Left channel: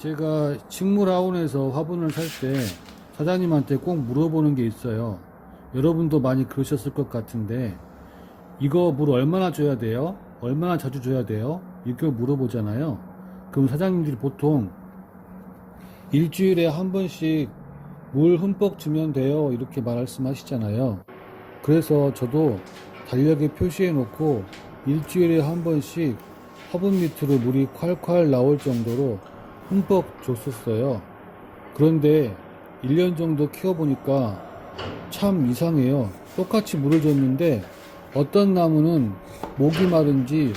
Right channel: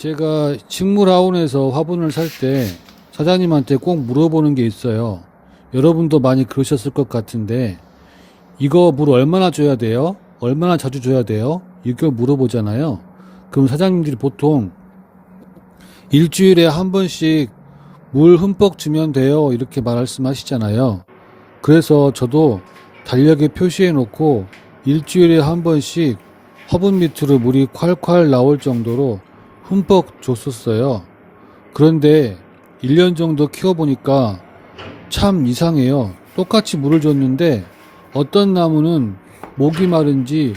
제가 식물하원에서 화분을 살 때 사장님한테 꼭 물어보는 게 있어요. 여러분도 많이 그러셨을 것 같은데, 이거 물 얼마나 줘야 돼요? 얼마나 자주 줘야 돼요? 이걸 물어보잖아요. 그럼 사장님들이 보통 일주일에 한 번씩 물 흠뻑 주면 돼요, 이렇게 말씀하시잖아요. 그래서 저도 달력에 표시해 놓고 일주일에 한 번씩 화분 밑으로 물이 콸콸 나올 정도로 흠뻑 줬었어요. 그런데 1년 정도 키워보니까 참 이상해요. 똑같이 물을 줬는데 어떤 나무는 목이 마른지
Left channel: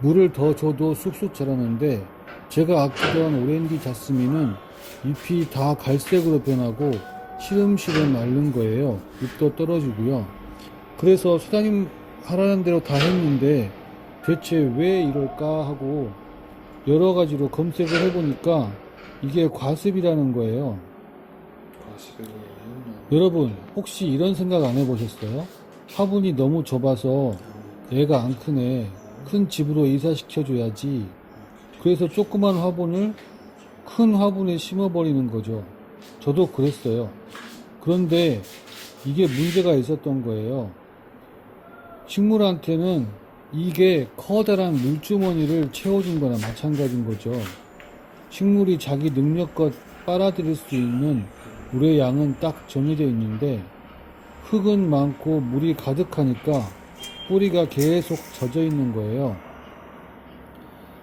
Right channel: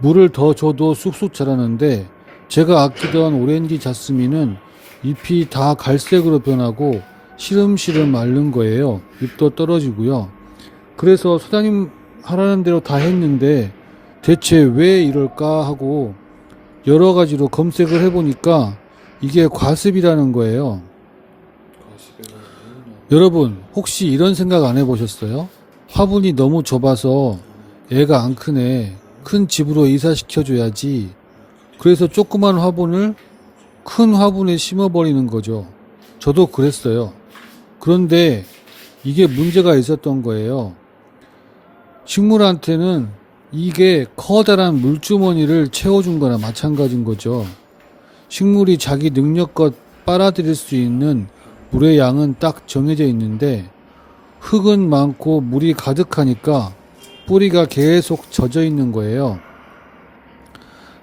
물을 더 줘도 쑥쑥 자라는데, 제가 아끼던 오렌지 자스민은 잎이 다 갈색으로 변하고 시름시름 마른 거예요. 잎도 떨어지고요. 그래서 사장님 하라는 대로 다 했는데 대체 왜 이럴까 하고 여러 가지로 검색을 해보니까 이게 과습이라는 거예요. 여러분 혹시 이런 생각 안 해보셨어요? 화분이 너무 좁아서 애가 안 크네, 큰 집으로 이사시켜줘야지. 그래서 조그만 화분을 큰 화분에 심어버리는 거죠. 저도 그랬어요. 그런데 이게 문제가 있었던 거예요. 식물한테는 이게 커다란 물주머니를 채워준 거나 마찬가지인 거죠. 식물이 자기 능력껏 빨아들일 수 있는 물의 양은 딱 정해져 있는데, 흙은 많고 물이 가득하니까 뿌리가 계속 젖어 있는 거예요.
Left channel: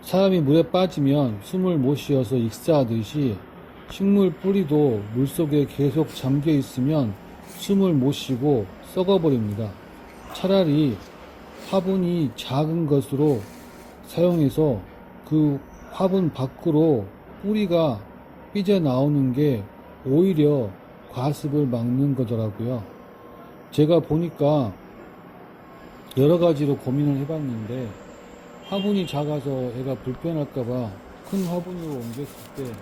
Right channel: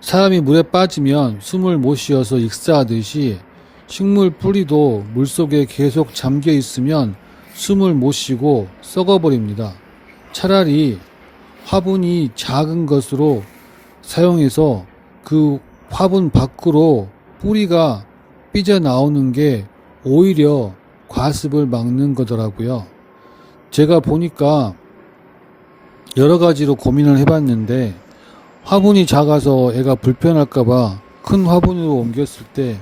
사람이 물에 빠지면 숨을 못 쉬어서 익사하듯이 식물 뿌리도 물속에 계속 잠겨 있으면 숨을 못 쉬고 썩어버립니다. 차라리 화분이 작은 것으로 사용해서 그 화분 밖으로 뿌리가 삐져나오는 게 오히려 과습을 막는 거더라고요. 제가 보니까 여러 가지로 고민을 해봤는데, 화분이 작아서 애가 불편할까봐 큰 화분으로 옮겼을 때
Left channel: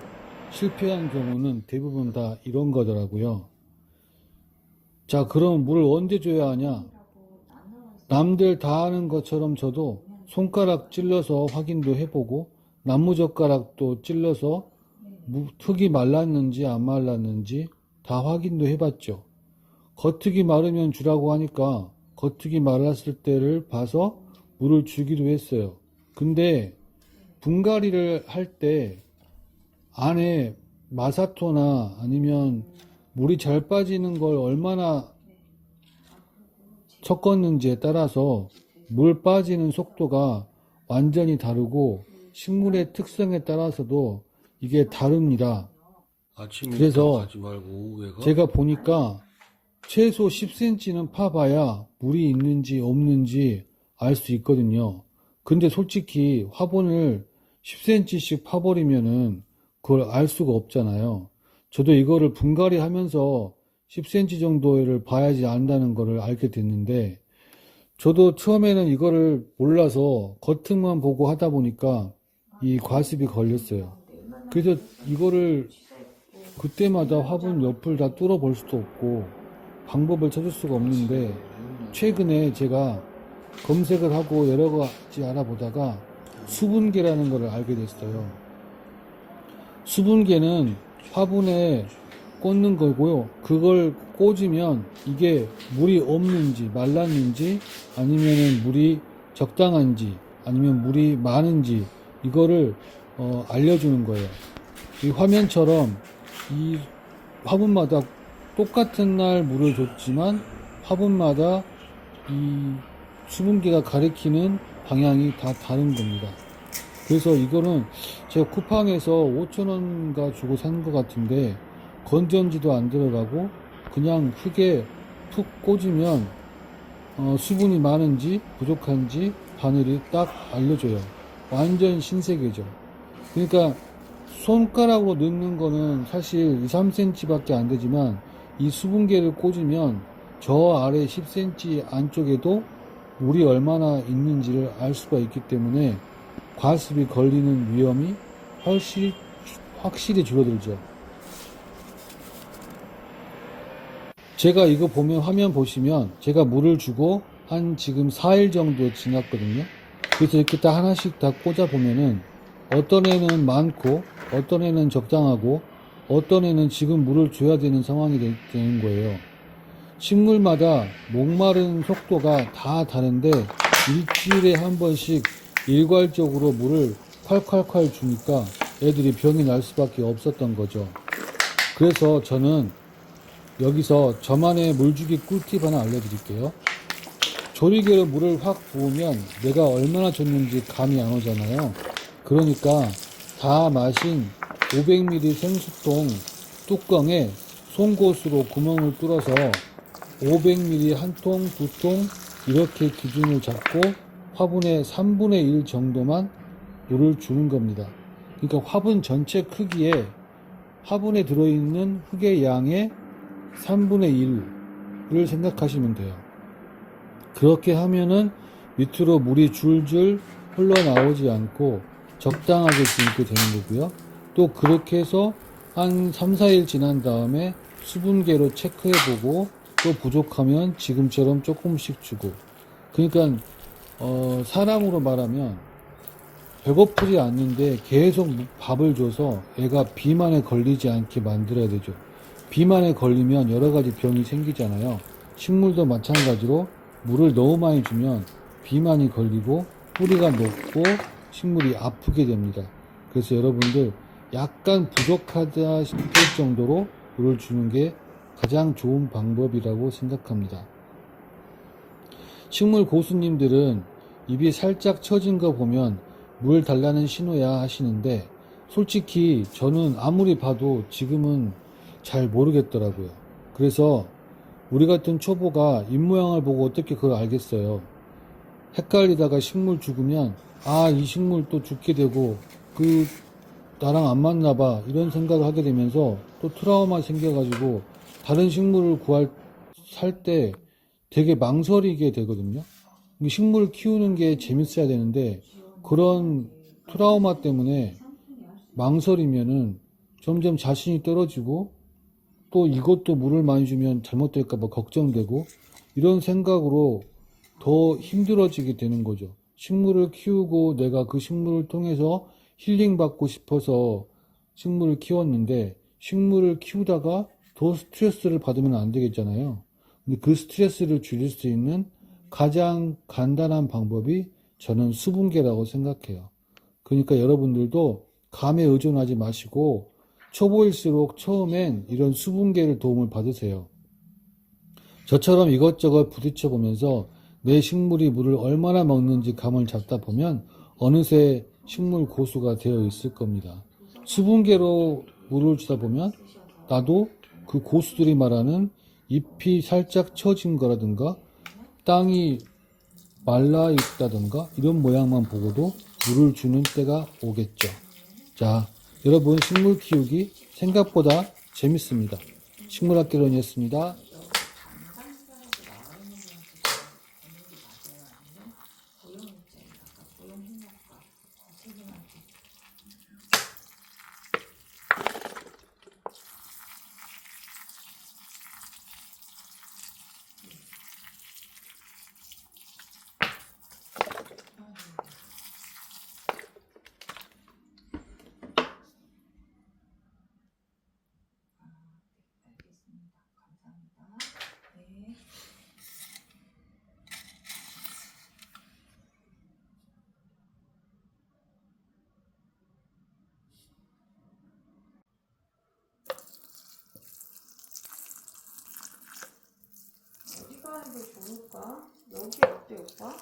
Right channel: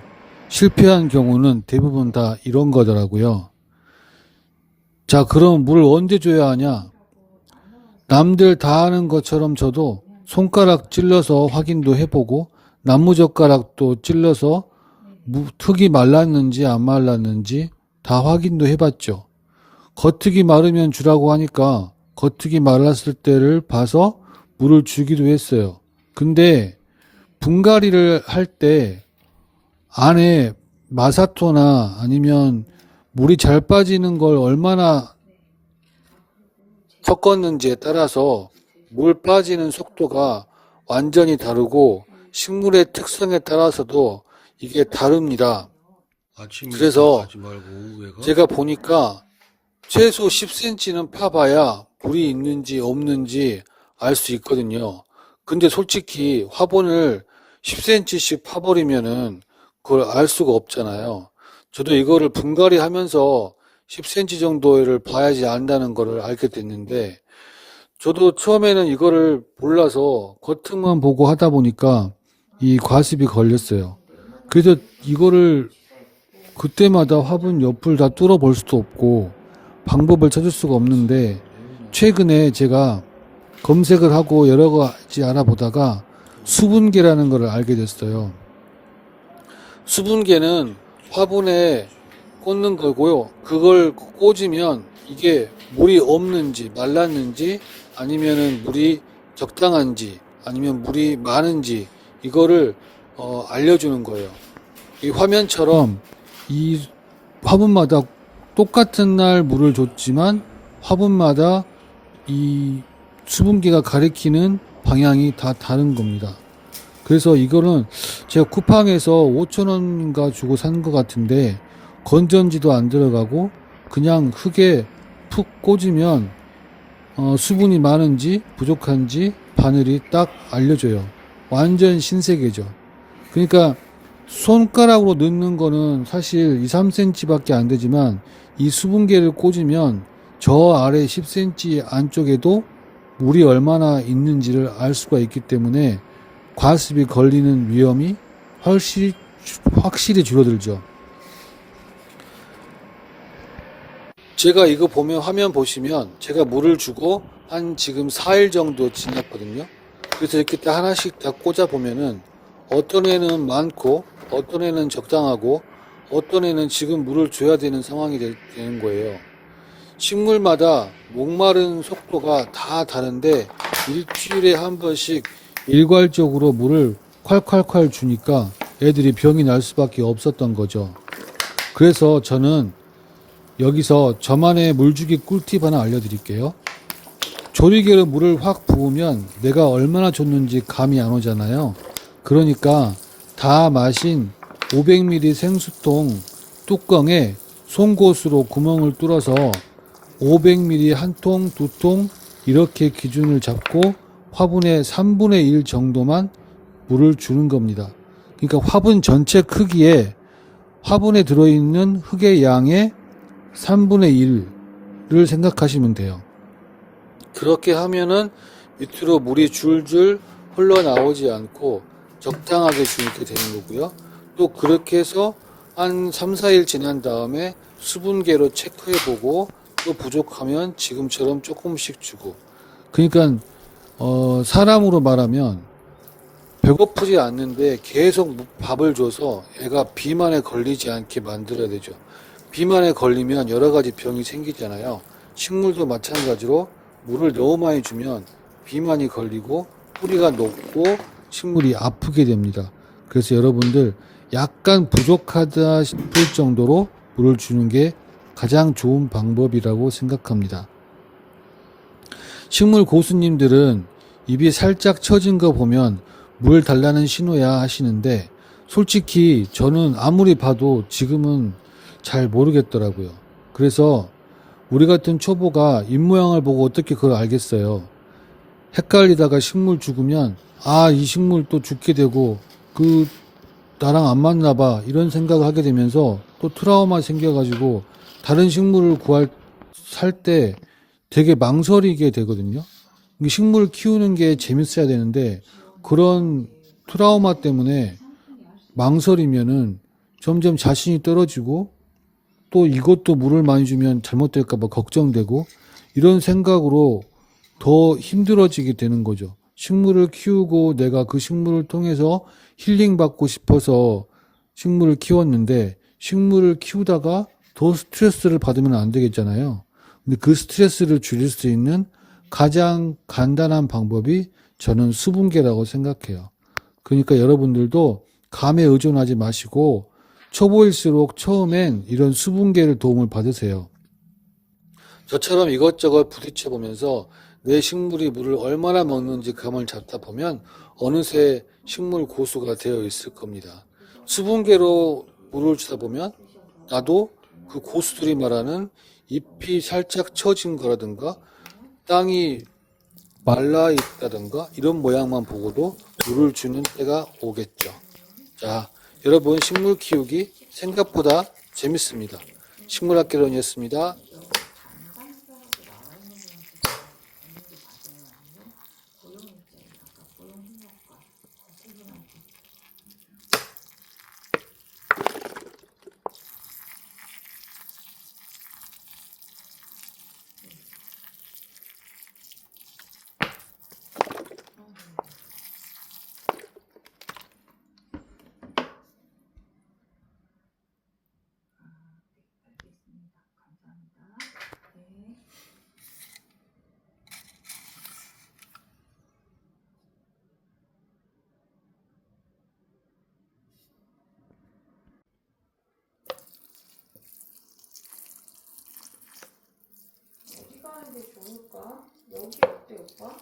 실패한 경우는 대부분 다 이런 거더라고요. 자, 그럼 물을 언제 줘야 하냐? 남들 다 하는 것처럼 저도 손가락 찔러서 확인도 해보고 나무젓가락도 찔러서 흙이 말랐는지 안 말랐는지 다 확인도 해봤죠. 겉흙이 마르면 주라고 하니까 겉흙이 말랐을 때를 봐서 물을 주기도 했어요. 근데 분갈이를 할 때 안에 마사토나 아니면 물이 잘 빠지는 걸 얼마나 섞었는지에 따라서 물 빠지는 속도가 완전히 다르고 식물의 특성에 따라서도 이게 다릅니다. 그래서 하지 말고 오후에가 제가 보니까 최소 10cm는 파봐야 물이 있는지 없는지 알 수 있거든요. 근데 솔직히 화분을 10cm씩 파버리면은 그걸 알 수가 없잖아요. 저도 이거를 분갈이 하면서 10cm 정도를 봐야지 안다는 거를 알게 됐는데, 저도 처음에는 이거를 몰라서 겉흙만 보고 하다 보니까 이 과습이 걸렸어요. 그래서 이거를 그때마다 화분 옆을 다 뚫어 볼 수도 없고 방법을 찾을 수가 없는데, 최근에 제가 검색을 하고 여러 가지 알아보다가 수분계라는 걸 알게 됐어요. 수분계는 화분에 꽂는 거고요. 그걸 꽂으면 이게 물이 없는지 말랐는지 아니면은 물이 적당한지 아니면 물이 많은지 이거를 알려주는 거예요. 이 화면처럼 이 화분마다 똑같은 날 물을 줬지만 화분마다 이 수분계가 가리키는 방향이 다 다른 겁니다. 그래서 이거는 제가 쿠팡에서 5,000원인가 주고 산 것 같은데, 건전지도 안 들어가고 그냥 흙에 푹 꽂으면 수분이 많은지 부족한지 바늘이 딱 알려줘요. 완전 신세계죠. 그러니까 손가락으로 넣는 거는 사실 2, 3cm 밖에 안 되지만 이 수분계를 꽂으면 저 아래 10cm 안쪽에도 물이 얼마나 있는지를 알 수가 있기 때문에 과습이 걸리는 위험이 확실히 줄어들죠. 제가 이거 보면, 화면 보시면 제가 물을 주고 한 지금 4일 정도 지났거든요. 그래서 이렇게 딱 하나씩 다 꽂아 보면은 어떤 애는 많고 어떤 애는 적당하고 어떤 애는 지금 물을 줘야 되는 상황이 되는 거예요. 식물마다 목마른 속도가 다 다른데 일주일에 한 번씩 일괄적으로 물을 콸콸콸 주니까 애들이 병이 날 수밖에 없었던 거죠. 그래서 저는 여기서 저만의 물주기 꿀팁 하나 알려드릴게요. 조리개로 물을 확 부으면 내가 얼마나 줬는지 감이 안 오잖아요. 그러니까 다 마신 500ml 생수통 뚜껑에 송곳으로 구멍을 뚫어서 500ml 한 통, 두 통 이렇게 기준을 잡고 화분의 3분의 1 정도만 물을 주는 겁니다. 그러니까 화분 전체 크기에 화분에 들어있는 흙의 양의 3분의 1을 생각하시면 돼요. 그렇게 하면은 밑으로 물이 줄줄 흘러나오지 않고 적당하게 주게 되는 거고요. 또 그렇게 해서 한 3, 4일 지난 다음에 수분계로 체크해보고 또 부족하면 지금처럼 조금씩 주고. 그러니까 사람으로 말하면 배고프지 않는데 계속 밥을 줘서 애가 비만에 걸리지 않게 만들어야 되죠. 비만에 걸리면 여러 가지 병이 생기잖아요. 식물도 마찬가지로 물을 너무 많이 주면 비만이 걸리고 뿌리가 녹고 식물이 아프게 됩니다. 그래서 여러분들 약간 부족하다 싶을 정도로 물을 주는 게 가장 좋은 방법이라고 생각합니다. 식물 고수님들은 입이 살짝 처진 거 보면 물 달라는 신호야 하시는데 솔직히 저는 아무리 봐도 지금은 잘 모르겠더라고요. 그래서 우리 같은 초보가 입모양을 보고 어떻게 그걸 알겠어요. 헷갈리다가 식물 죽으면 이 식물 또 죽게 되고 나랑 안 맞나 봐 이런 생각을 하게 되면서 또 트라우마 생겨가지고 다른 식물을 살 때 되게 망설이게 되거든요. 식물 키우는 게 재밌어야 되는데 그런 트라우마 때문에 망설이면은 점점 자신이 떨어지고 또 이것도 물을 많이 주면 잘못될까봐 걱정되고 이런 생각으로 더 힘들어지게 되는 거죠. 식물을 키우고 내가 그 식물을 통해서 힐링 받고 싶어서 식물을 키웠는데 식물을 키우다가 더 스트레스를 받으면 안 되겠잖아요. 근데 그 스트레스를 줄일 수 있는 가장 간단한 방법이 저는 수분계라고 생각해요. 그러니까 여러분들도 감에 의존하지 마시고 초보일수록 처음엔 이런 수분계를 도움을 받으세요. 저처럼 이것저것 부딪혀 보면서 내 식물이 물을 얼마나 먹는지 감을 잡다 보면 어느새 식물 고수가 되어 있을 겁니다. 수분계로 물을 주다 보면 나도 그 고수들이 말하는 잎이 살짝 처진 거라든가 땅이 말라 있다든가 이런 모양만 보고도 물을 주는 때가 오겠죠. 자, 여러분 식물 키우기 생각보다 재밌습니다. 식물학개론이었습니다. 어디가 하는 게 좋을까? 여기 어때, 오빠?